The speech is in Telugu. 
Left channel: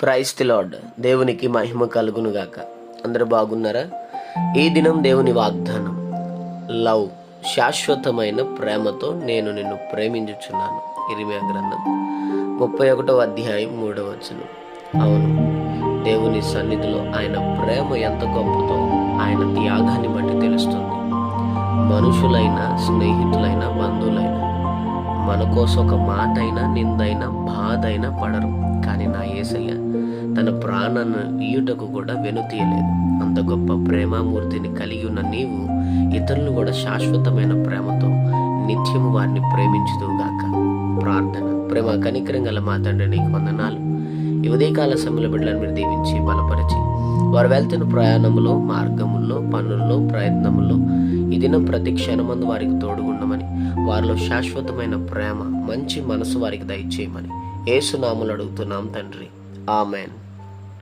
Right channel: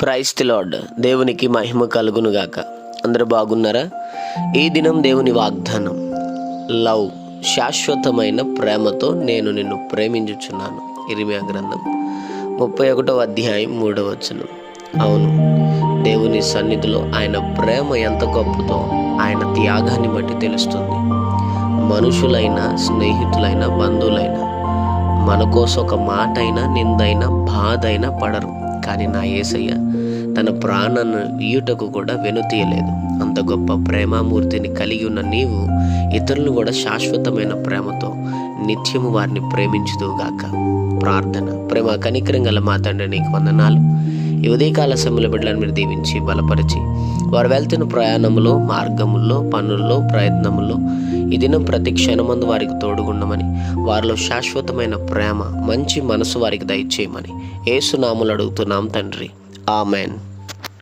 Praise the lord. దేవునికి మహిమ కలుగునుగాక. అందరూ బాగున్నారా? ఈ దినం దేవుని వాగ్దానం, లవ్, శాశ్వతమైన ప్రేమతో నేను నిన్ను ప్రేమించుచున్నాను. ఇర్మియా గ్రంథం 31వ అధ్యాయం 3వ వచనం. అవును, దేవుని సన్నిధిలో ఆయన ప్రేమ ఎంత గొప్పదో ఆయన త్యాగాన్ని బట్టి తెలుస్తుంది. మనుషులైనా, స్నేహితులైనా, బంధువులైనా మన కోసం ఒక మాట అయినా, నిందైనా, బాధ అయినా పడరు. కానీ నా యేసయ్య తన ప్రాణాన్ని ఇయ్యుటకు కూడా వెనుతీయలేదు. అంత గొప్ప ప్రేమామూర్తిని కలిగి ఉన్న నీవు ఇతరులను కూడా శాశ్వతమైన ప్రేమతో నిత్యము వారిని ప్రేమించుదువుగాక. ప్రార్థన. ప్రేమ కనికరం గల మా తండ్రి, నీకు వందనాలు. ఈ ఉదయకాల సమయంలో బిడ్డలను మీరు దీవించి బలపరిచి వారు వెళ్తున్న ప్రయాణములో, మార్గముల్లో, పనుల్లో, ప్రయత్నముల్లో ఈ దినం ప్రతి క్షణమందు వారికి తోడుగుండమని, వారిలో శాశ్వతమైన ప్రేమ, మంచి మనసు వారికి దయచేయమని యేసు నామములో అడుగుతున్నాం తండ్రి. ఆమెన్.